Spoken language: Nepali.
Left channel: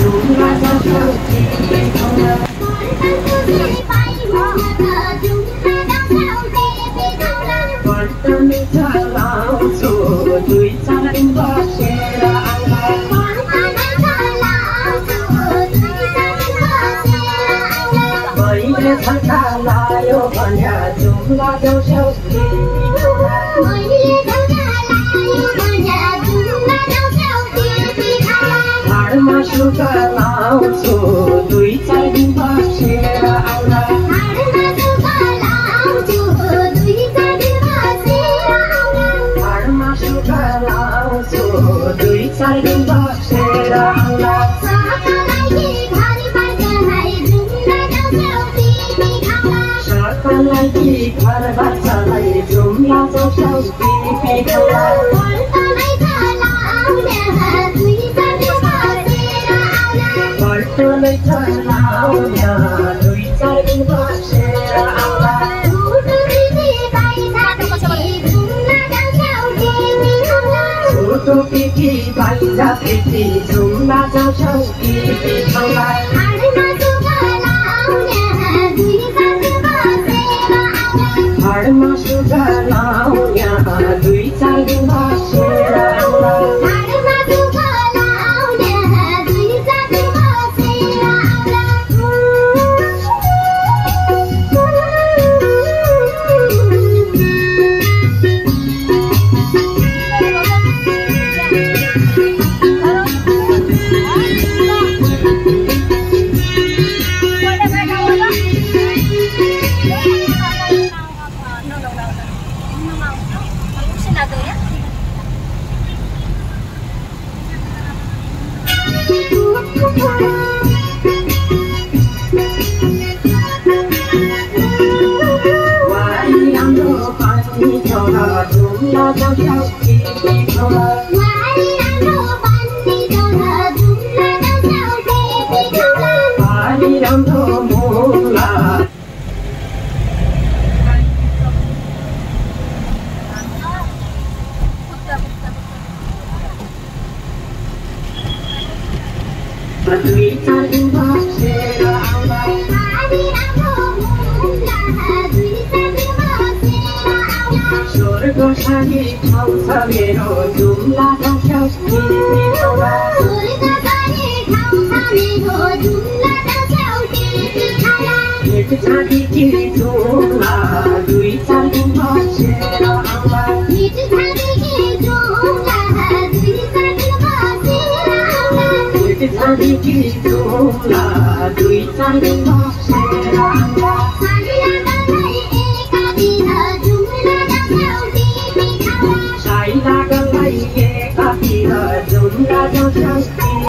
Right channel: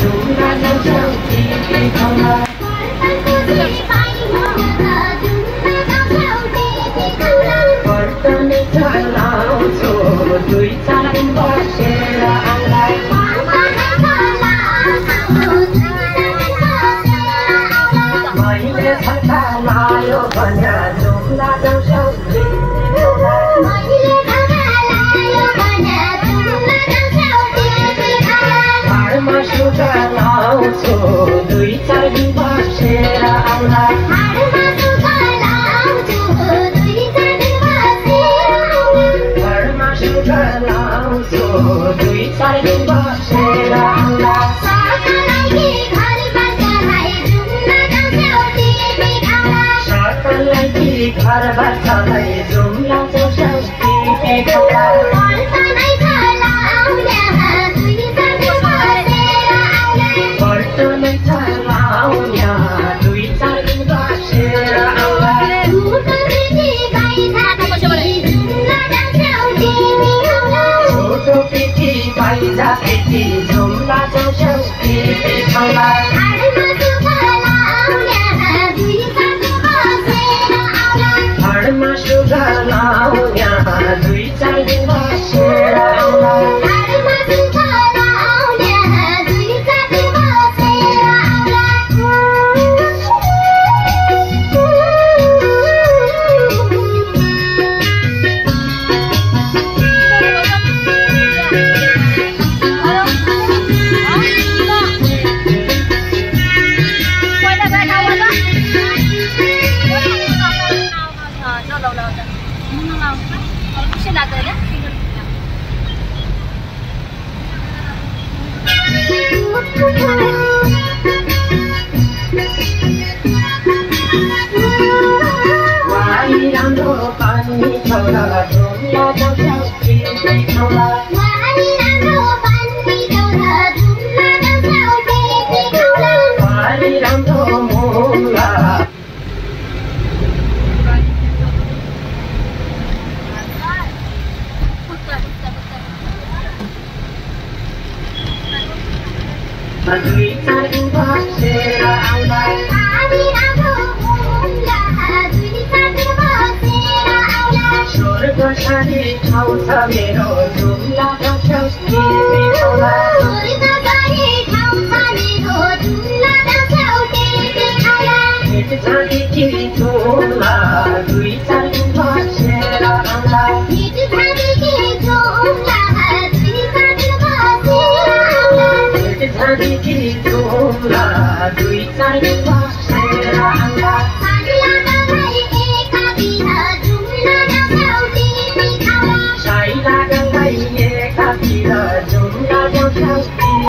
जुम्ला जान्छौ तिमी खाउला वर्तनी चलाउँछु दुई चार दिन बसेर आउँलाई मैले छक्का लायो भन्या जुम्ला जान्छौ तिमी खाउला घरमा सुगा लाउँछु दुई चार दिन बसेर आउँलाई घरमा सुगा लाउँछु दुई चार दिन बसेर आउँलाई सरकारलाई कि घरबाटलाई जुम्ला जान्छौ तिमी खाउला वर्तनै चलाउन्या दुई चार दिन बसेर आउँला छोटो पिठी बाहिर पिठी जुम्ला जान्छौ तिमी खाउला घरमा सुगा लाउन्या दुई चार दिन बसेर आउँला जुम्ला जान्छौ तिमी खाउला बारी राम्रो मुला दुई चार दिन बसेर आउँलाई स्वर्गको सानी ठाउँ छ मेरो जुम्ला जान्छौ तिमी खाउला भेट जाने कि जुम्ला दुई चार दिन बसेर आउँला भेट जाने कि जुम्ला दुई चार दिन बसेर आउँला